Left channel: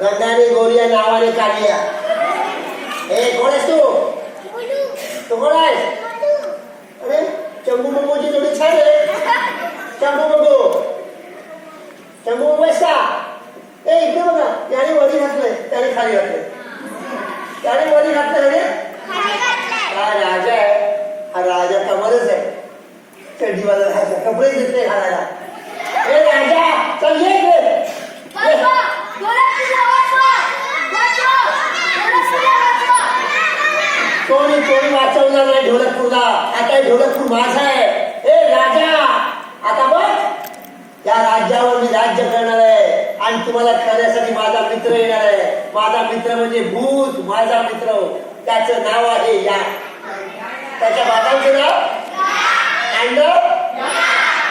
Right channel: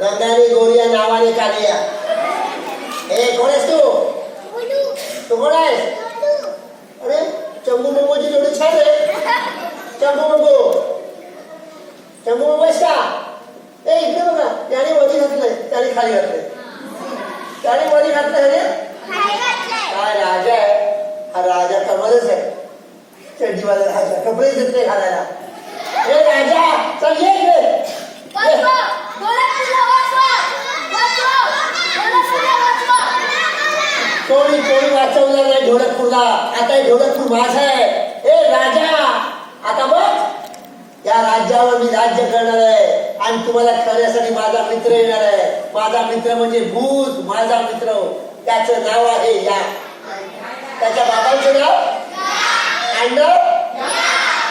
रंगाने गोरिया नावाने कालिया. कोण आहेस तू? तू कोण आहेस? अरे चंबू बंबूची जोडी छान आहे. चंबू बंबू आहेस का? इकडे बघा, याने वरी घातलंय, त्याने खाली घातलंय. त्याने वरी घातलंय रे, काय राजा आहे हा. राजा कमलच आहे. चड्डीवाला राजा, कपडे देत नाही घालायला. राजा चल ये. कोणी वाचवणार नाही ढोलकपूरला. आता ढोलकपूर माझा आहे. राजा आता बघ, या राज्यावर मी राज्य करणार आहे आणि तुम्हाला करण्यासाठी माझा मित्र येणार आहे. माझा मित्र म्हणजे भूत. माझा मित्र, त्याचं नाव आहे या. त्याच्या बाबांचं नाव तांडव.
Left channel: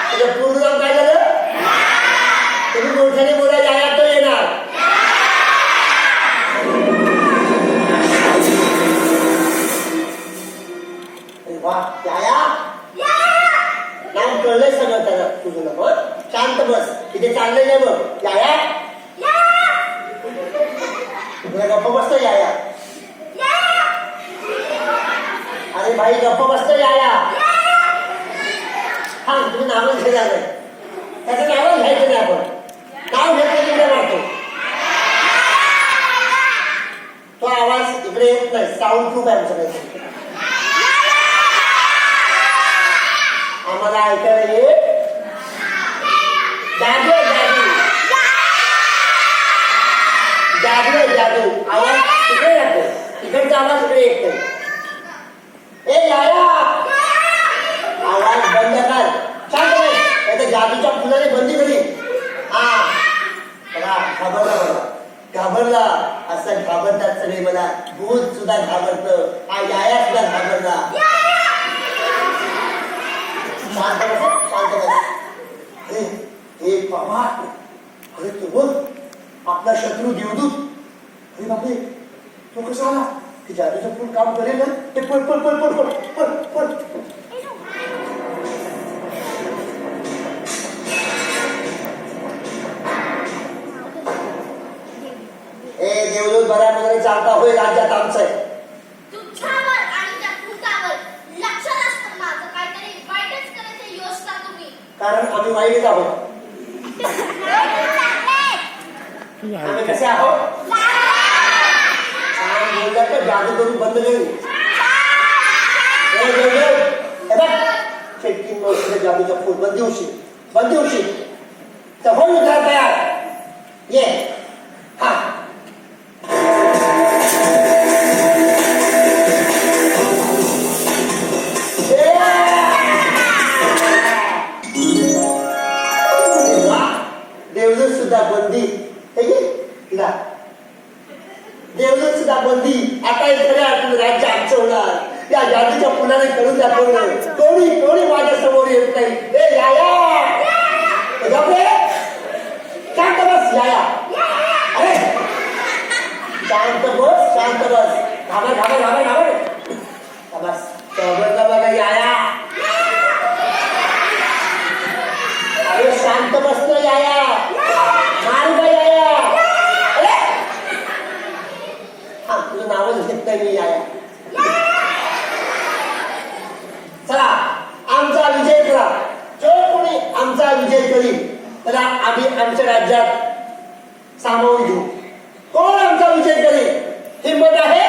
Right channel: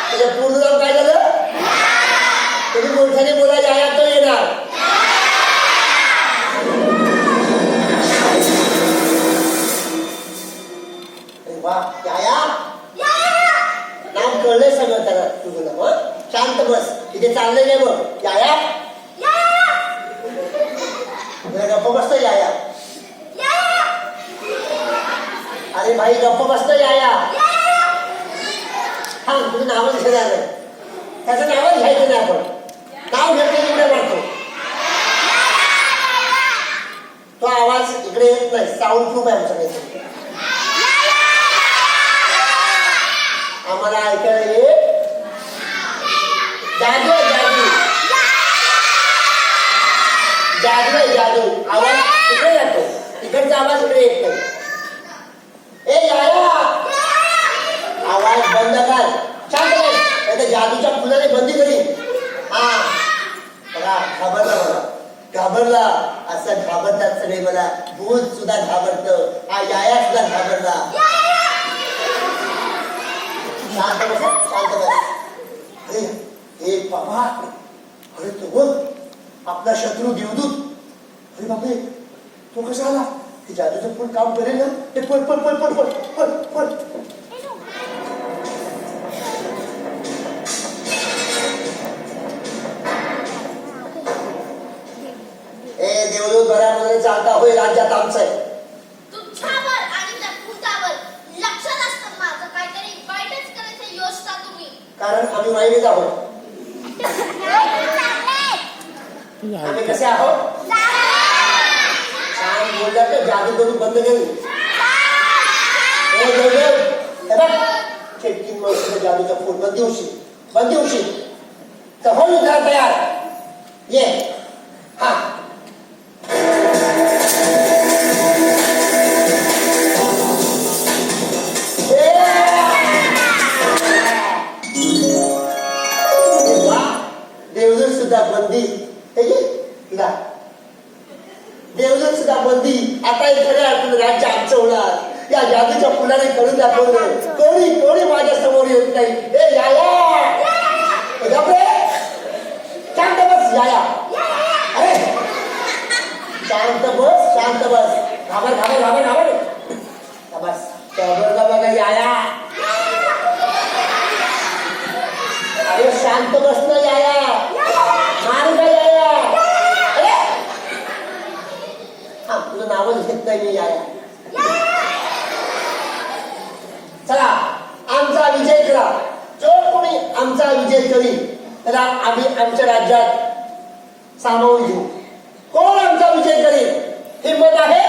त्याचं पूर्ण नाव काय झालं? तुम्ही मोठ्याने बोला, या तो येणार. नाव कळलंय सगळं त्याला तुझं. मग शांत बस, इथे चाललंय नाही. बघ याया, गप्प बसतो. याया, अरे भाई गप्प बसतो. याया हा, तुम्ही नावच घेणार नाही. त्याचं नावच घ्यायचं नाही. आपण नाव घेतलं तिकडे वाटतो. तो आवाज इकडे येत नाही. साऊंड प्रूफ आहे आमच्याकडे. आम्हाला ऐकायला येत. जादू जादू आवाज तिकडे जातो. तिकडचा आवाज इकडे येत नाही. याया, आवाज बंद कर. शांत नाही तर जादूच्या फुलाने बंदी करी. हा घाबरला असं घाबरतात सगळे. मला भूत सुद्धा घाबरत. हा याया सुद्धा घाबरला. शांत बस. बाबा, अरे तू बघ, आपला शत्रू देवदूत. अरे बापरे, तो कसा आला? हे जादूचं फुल काम करेल ना. ते पळ. देवदूत बऱ्यामध्ये चालता होय. राज्यात आमचं आहे. तुमच्यावर आणि त्या भूतावर लक्ष नसतं माझं. काहीतरी वाईटच करायचं योजना तुम्ही. कारण आम्ही वाईट आहोत. आम्ही कसे आहोत? बोलला तर जादू करून बंद करू. चेटकीन मावशीला जादूचा फूल बंदी होशील तर हो घरात तयार ये. हा देवदूत सुद्धा बंदी. देवदूत सुद्धा बंदी. आता इकडे राज्य आमचं होणार. या जादूच्या फुलाने करून दाखवलं. कोणी माझ्या समोर येत नाही. ए याया शांत बस याया. अरे शांत बस. घाबर बस बघा याया. अरे शांत बस ना याया. मारू का याया. अरे हा तुझं नावच घेत नाही मी याया. चला आमचा विजय करा. जो कोणी आमचा विजय करील त्याला आम्ही आमच्या राज्यात सामावून घेऊ. कोण आमचा विजय करील. हिंमत आहे.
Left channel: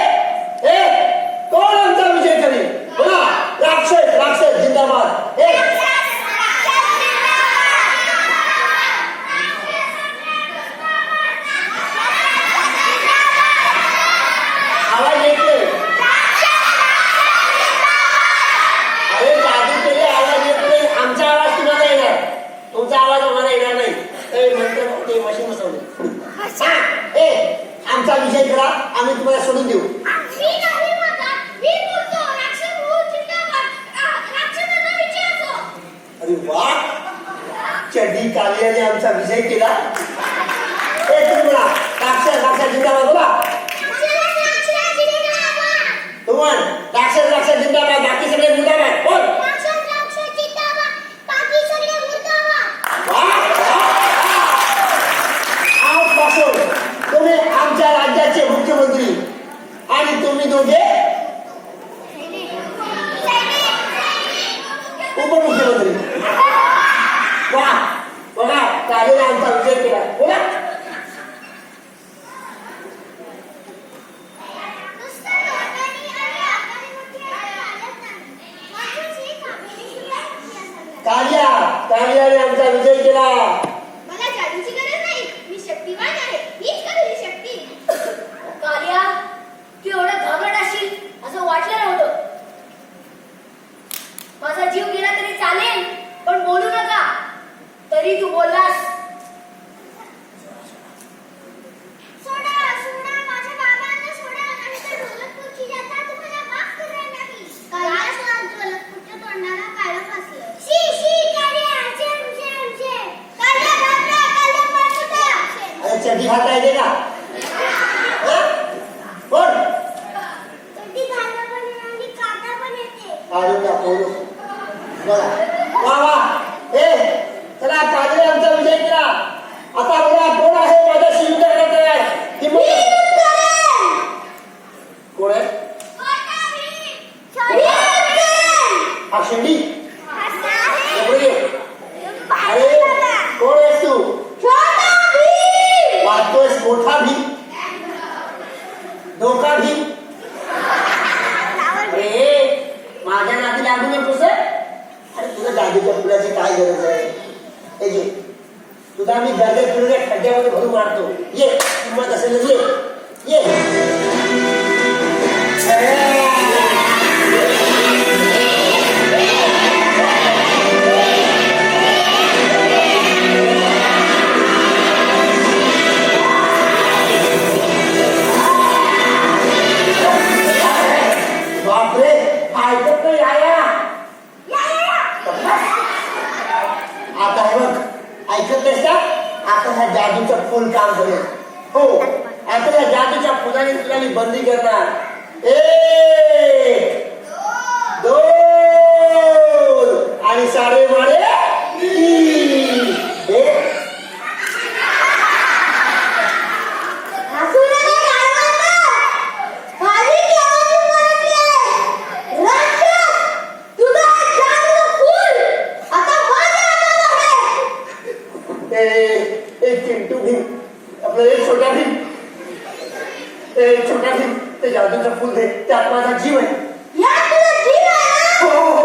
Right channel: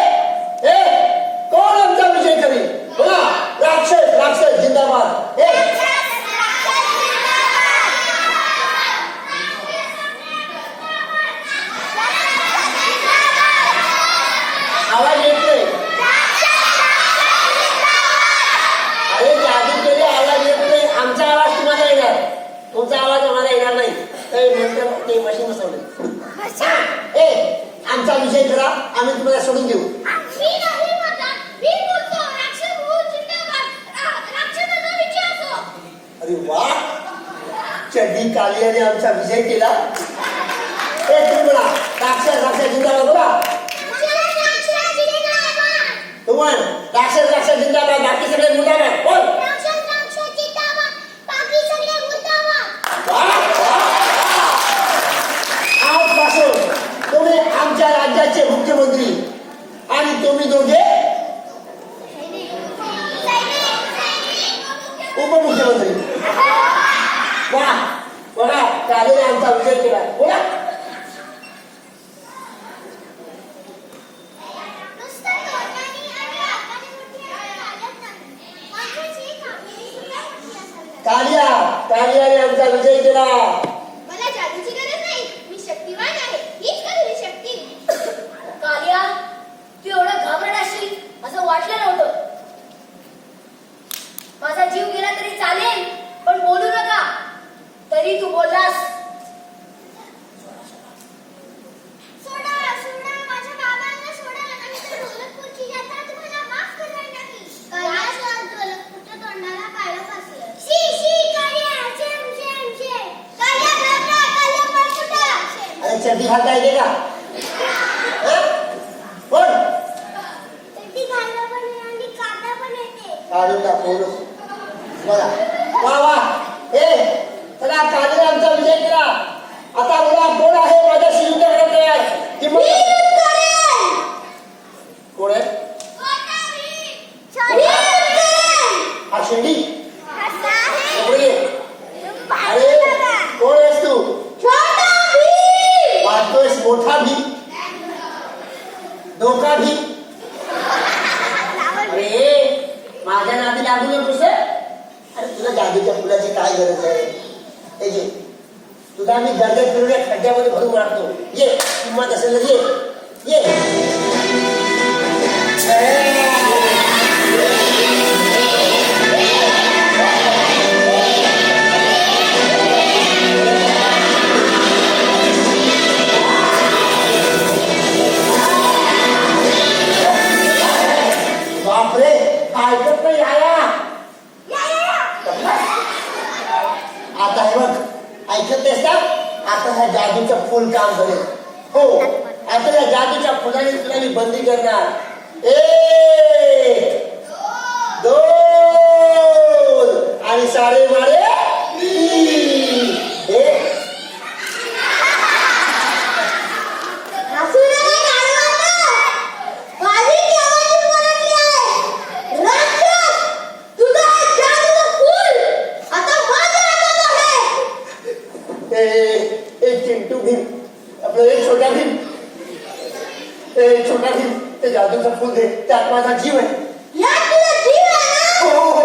कोण आमचा विजय करील. बोला. राक्षस जिंदाबाद. आवाज येत नाही. अरे जादू केली आवाज येत नाही. आमचा आवाज तुम्हाला येणार. तुमचा आवाज आम्हाला येणार नाही. ते मशीन बसवले. आमचा विजय करा. आम्ही तुम्हाला सोडून देऊ. अरे वा चड्डी कालियाने आमचा विजय केला. तुम्ही बोला राक्षस जिंदाबाद. बोला तुम्ही राक्षस जिंदाबाद. बाकी सगळे मुर्दाबाद. बोल. आजपासून तुम्ही आमच्या राज्याचे मुख्यमंत्री आणि तुम्ही दोघे उपमुख्यमंत्री. वा बघा कालीने आमचा विजय केला. बोला कालियाने आमचा विजय केला. मला जादूची गरज नाही. मी शक्तिवान आहे. हीच करू शक्ती. कालिया तू एवढं घाबरट असशील असं वाटलं नव्हतं. माझा जीव गेला तरी चालेल पण बोलू नका. तरी तू बोललास. सोडा माझ्या बाबांना सोडा. नाहीतर ढोलकपूरची यात्रा तुम्हाला माफ करणार नाही. कालिया ढोलकपूरच्या तोंडाला काळं फासलं. कालिया अरे चड्डी घालता येते का. बोल. चड्डी घालता पण येते आणि काढता पण येते. काढून दाखवलो. बघा वा चला कालीने आमचा विजय केला. आता बघा कोण आहे माझ्याशी युद्ध करत तयार. कोण आहे. हा शेंडी. अरे कोण आहेस तू. वाटतोयस मोठा भीम. धोका भीम. अरे माझ्या नाती लागू नकोस. अरे तुला जादूच्या फुलाची काय गरज आहे. तुला मी गरजेत फिरवल्या खड्ड्यामध्ये भरून मारतो. ये किंमत असेल ये. बापरे ऐकत नाही आया. आता हे बघ ऐकत नाहीस का. आता ह्या जादूचं फुल काम करेल. हो आता या जादूच्या फुलाने तुला मी बंदी करणार. 1 2 आणि सारे मारे 3. एक चिंटू भीम आपलं एक छोटा भीम ते जादूचं फुल दे, त्यात माझा जीव आहे. यात तुझा जीव आहे ना? हो